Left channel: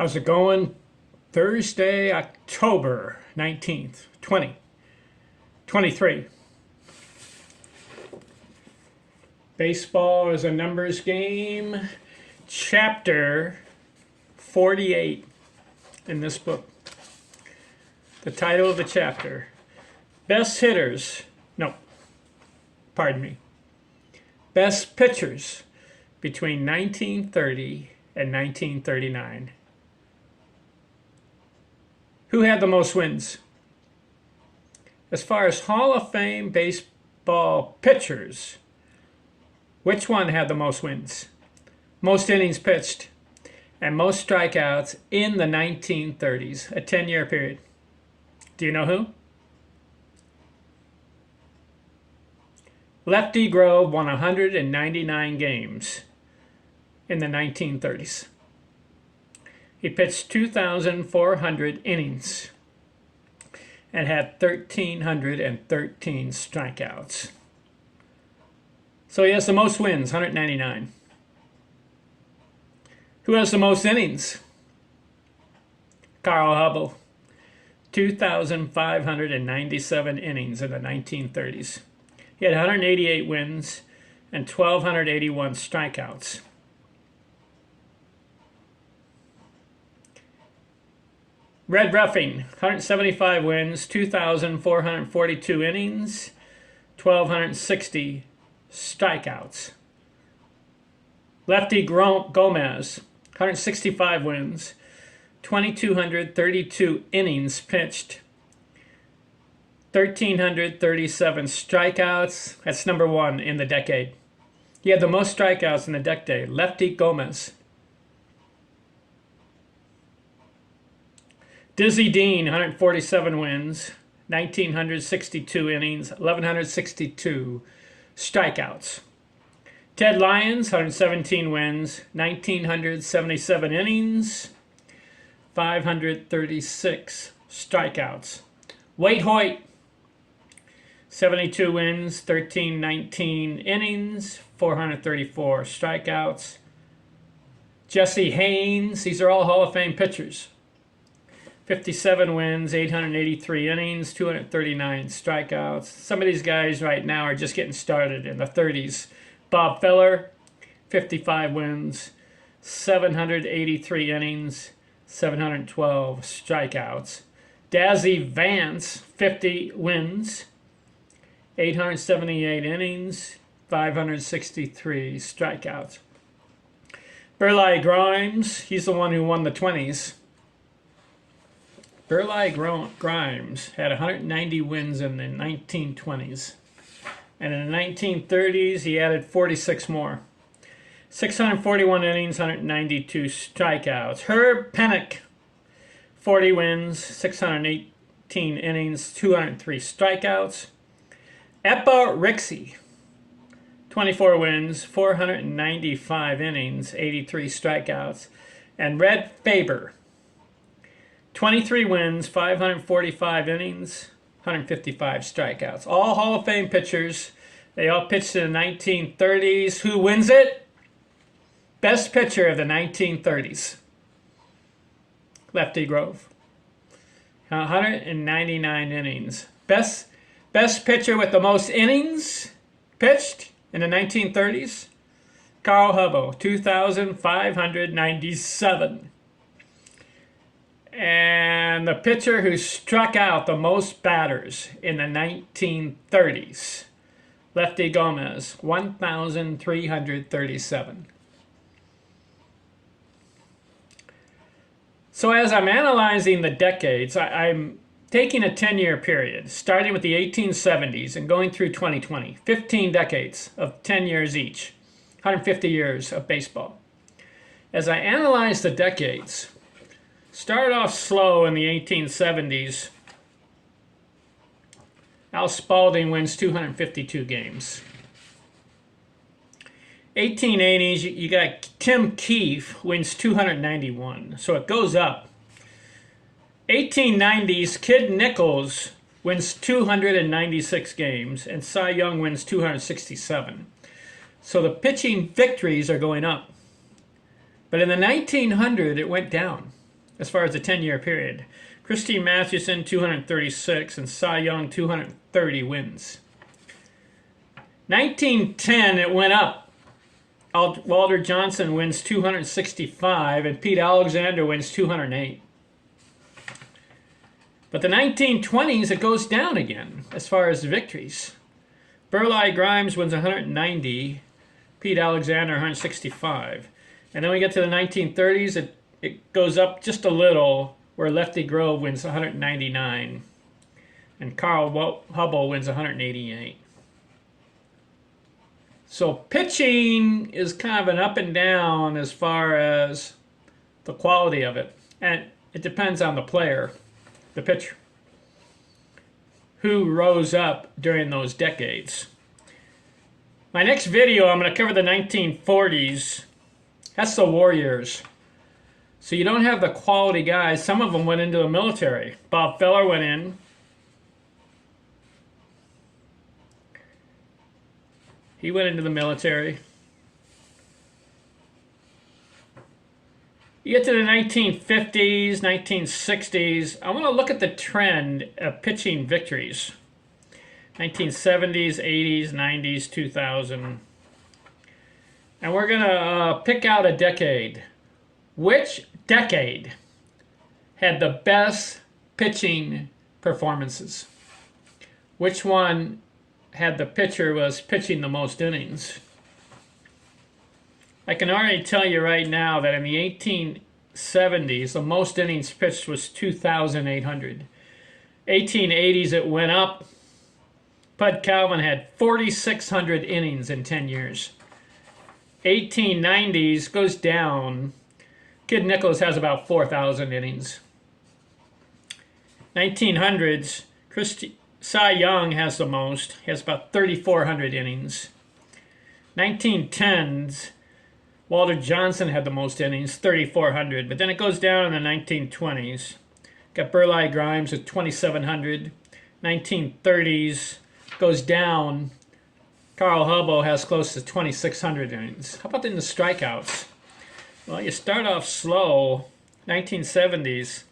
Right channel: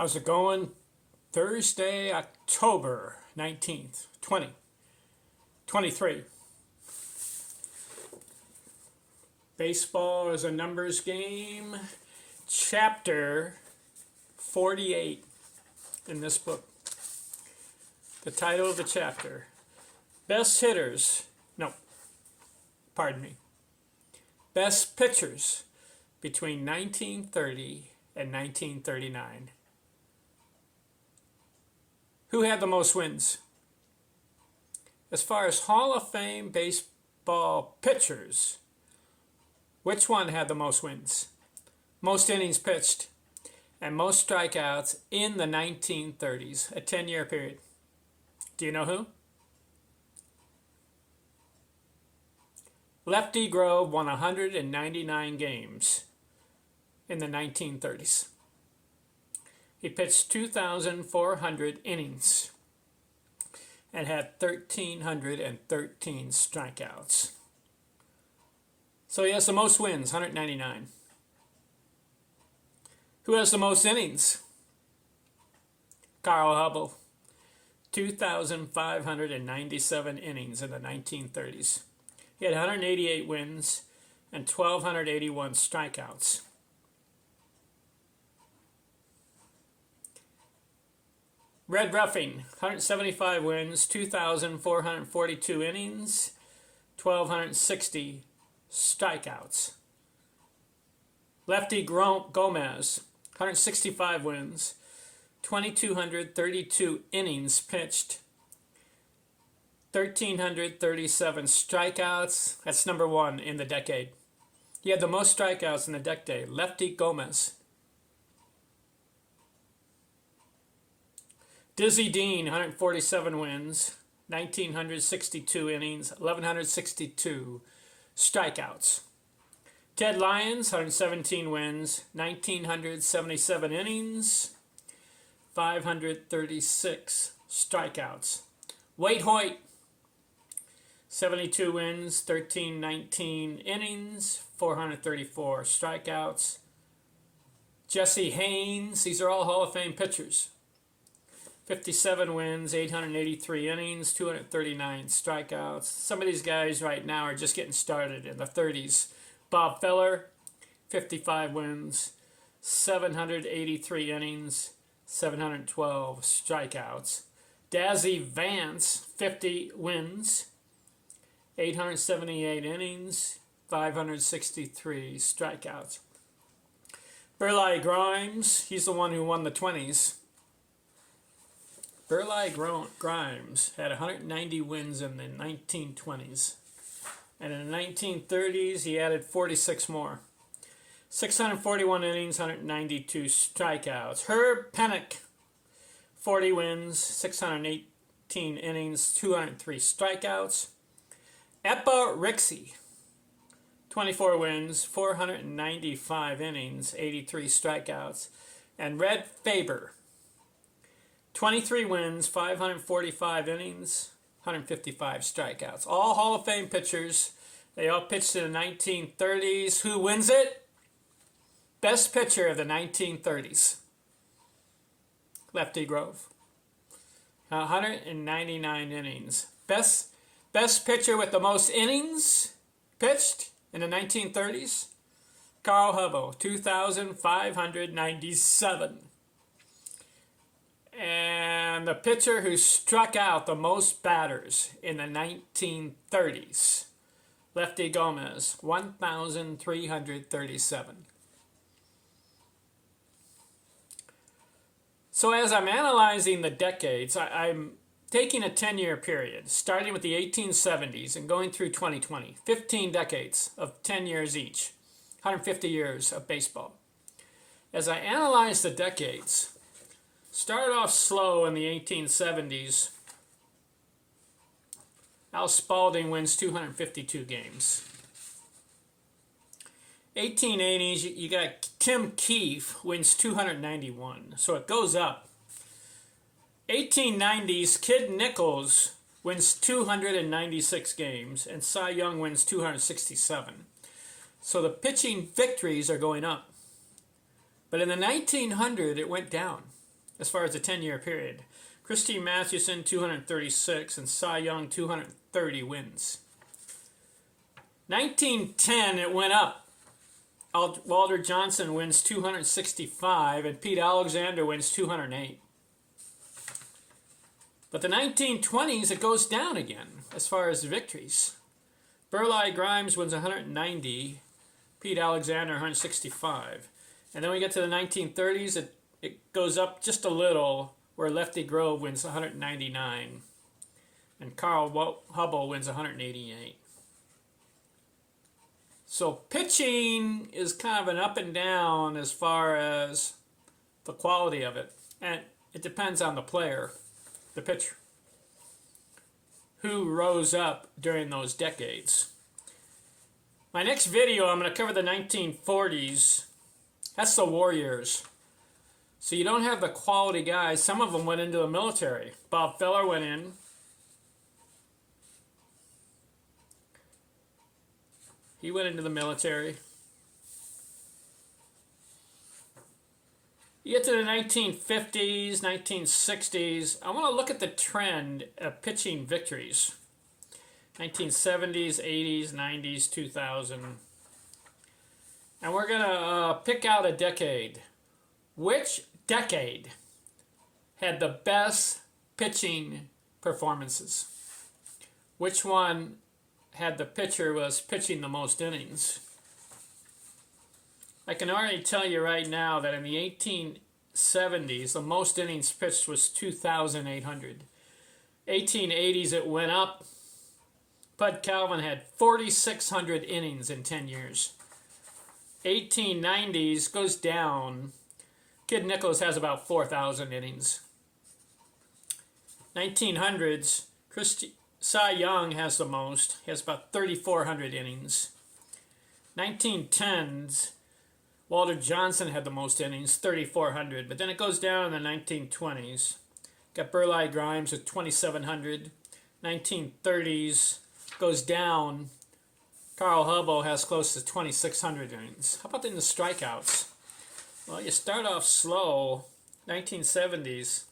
How's it going? Thursday, October 19th, 2023. Baseball is a numbers game. Chapter 48 in this book. The title of the chapter, Best Hitters, no, pardon me, Best Pitchers between 1930 and 1939. Who had the most wins? As far as Hall of Fame baseball pitchers, which one had the most wins, most innings pitched, and most strikeouts in the 1930s, a 10-year period? Do you know who? Lefty Grove won 199 games in the 1930s. He pitched 2,400 innings and had 1,313 strikeouts. So he has the most wins, 199. Who has the most innings? Carl Hubbell, 2,597 innings in the 1930s. He had 188 wins and 1,281 strikeouts. Red Ruffing, 175 wins, 2,442 innings, 1,260 strikeouts. Lefty Gomez, 165 wins, 2,232 innings pitched, 1,337 strikeouts. That's number one in the decade. He had the most strikeouts in the decade, Lefty Gomez. Dizzy Dean, 147 wins, 1,962 innings, 1,162 strikeouts. Ted Lyons, 117 wins, 1,977 innings, 536 strikeouts. Wade Hoyt, 72 wins, 1,319 innings, 434 strikeouts. Jesse Haynes, these are all Hall of Fame pitchers. 57 wins, 883 innings, 239 strikeouts. Some of these guys right now are just getting started in the 30s. Bob Feller, 55 wins, 783 innings, 712 strikeouts. Dazzy Vance, 50 wins, 878 innings, 563 strikeouts. Burleigh Grimes, he's the one who won the 20s. Burleigh Grimes had 190 wins in the 1920s. And in the 1930s, he added 46 more. 641 innings, 192 strikeouts. Herb Pennock, 40 wins, 618 innings, 203 strikeouts. Eppa Rixey, 24 wins, 495 innings, 83 strikeouts. And Red Faber, 23 wins, 545 innings, 155 strikeouts. All Hall of Fame pitchers. They all pitched in the 1930s. Who wins it? Best pitcher of the 1930s. Lefty Grove. 199 innings. Best pitcher with the most innings pitched in the 1930s. Carl Hubbell, 2,597. And the pitcher who struck out the most batters in the 1930s, Lefty Gomez, 1,337. So as I'm analyzing the decades, I'm taking a 10-year period, starting with the 1870s and going through 2020, 15 decades of 10 years each, 150 years of baseball. As I analyze the decades, started off slow in the 1870s. Al Spalding wins 252 games. 1880s, you got Tim Keefe wins 291, so it goes up. 1890s, Kid Nichols wins 296 games, and Cy Young wins 267. So the pitching victories are going up. But in the 1900, it went down. as far as the 10-year period. Christine Mathewson, 236, and Cy Young, 230 wins. 1910, it went up. Walter Johnson wins 265, and Pete Alexander wins 208. But the 1920s, it goes down again as far as victories. Burleigh Grimes wins 190, Pete Alexander 165. And then we get to the 1930s, it goes up just a little, where Lefty Grove wins 199, and Carl Hubbell wins 188. So pitching is kind of an up and down as far as the quality of it. And it depends on the player, the pitcher, who rose up during those decades. My next video, I'm going to cover the 1940s. That's the Warriors. So you don't have the quality guys. Some of them went into the military. Bob Feller went in. He went into the military. You get to the 1950s, 1960s. I want to look at the trend of pitching victories. 1970s, 80s, 90s, 2000. And we're going to pick out a decade. Which decade had the best pitching performances? Which one had the pitcher was pitching the most innings? I can already tell you right now that in the 1870s, the most innings pitched was 2,800. 1880s, it went up. Bud Calvin had 4,600 innings in 10 years. 1890s goes down. Kid Nichols has about 4,000 innings. 1900s, Cy Young has the most. He has about 3,400 innings. 1910s, Walter Johnson had the most innings, 3,400. But then it goes down in the 1920s. Got Burleigh Grimes at 2,700. 1930s goes down. Carl Hubbell has close to 2,600 innings. How about in the strikeouts? Well, you start off slow. 1970s,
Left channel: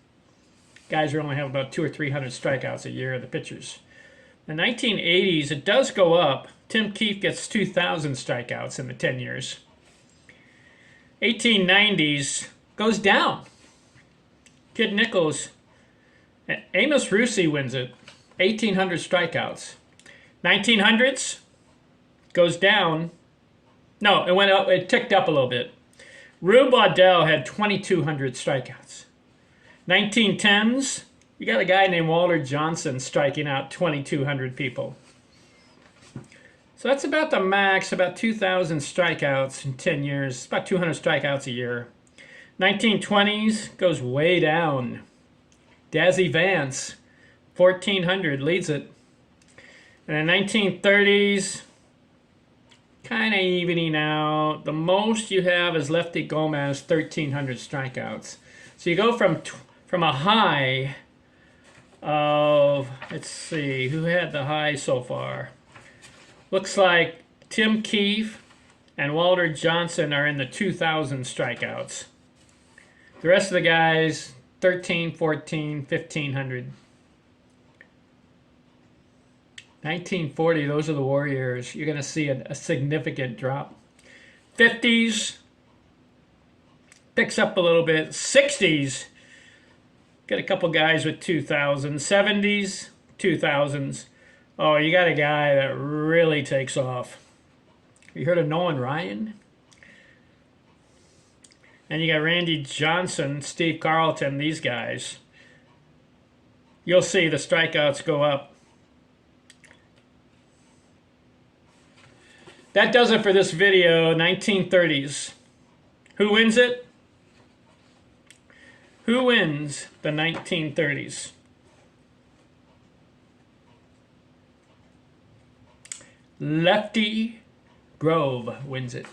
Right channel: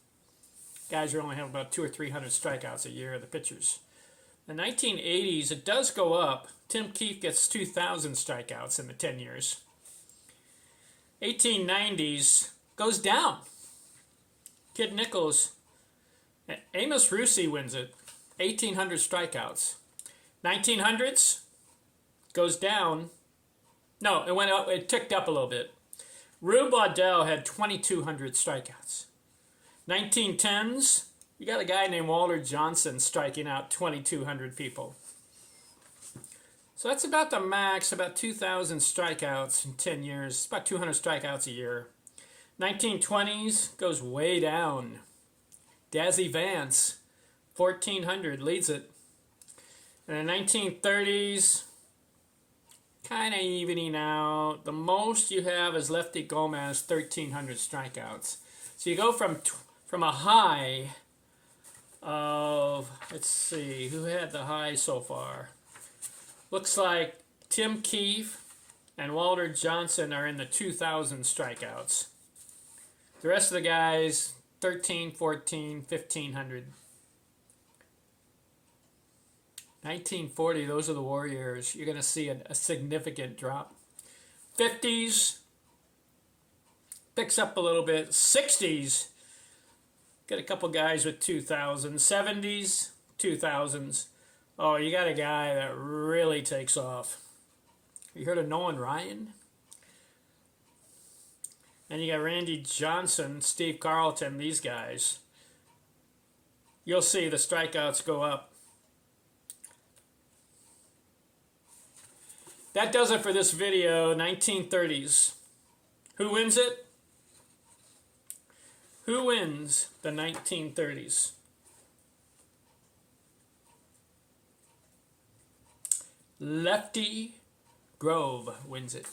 guys are only have about 200 or 300 strikeouts a year, the pitchers. The 1980s, it does go up. Tim Keefe gets 2,000 strikeouts in the 10 years. 1890s goes down. Kid Nichols, Amos Russi wins it, 1,800 strikeouts. 1900s goes down. No, it went up. It ticked up a little bit. Rube Waddell had 2,200 strikeouts. 1910s, you got a guy named Walter Johnson striking out 2,200 people. So that's about the max, about 2,000 strikeouts in 10 years. It's about 200 strikeouts a year. 1920s goes way down. Dazzy Vance, 1,400, leads it. And the 1930s, kind of evening out. The most you have is Lefty Gomez, 1,300 strikeouts. So you go from a high of, let's see, who had the high so far? Looks like Tim Keefe and Walter Johnson are in the 2,000 strikeouts. The rest of the guys, 13, 14, 1,500. 1940, those are the Warriors. You're going to see a significant drop. 50s, picks up a little bit. 60s, got a couple guys with 2,000. 70s, 2,000s. Oh, you got a guy that really takes off. You heard of Nolan Ryan? And you got Randy Johnson, Steve Carlton, these guys. You'll see the strikeouts go up. That does it for this video, 1930s. Who wins it? Who wins the 1930s? Lefty Grove wins it.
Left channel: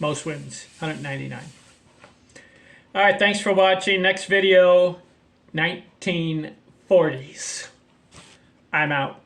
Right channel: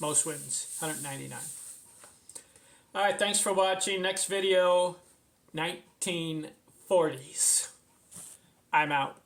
Most wins, 199. All right, thanks for watching. Next video, 1940s. I'm out.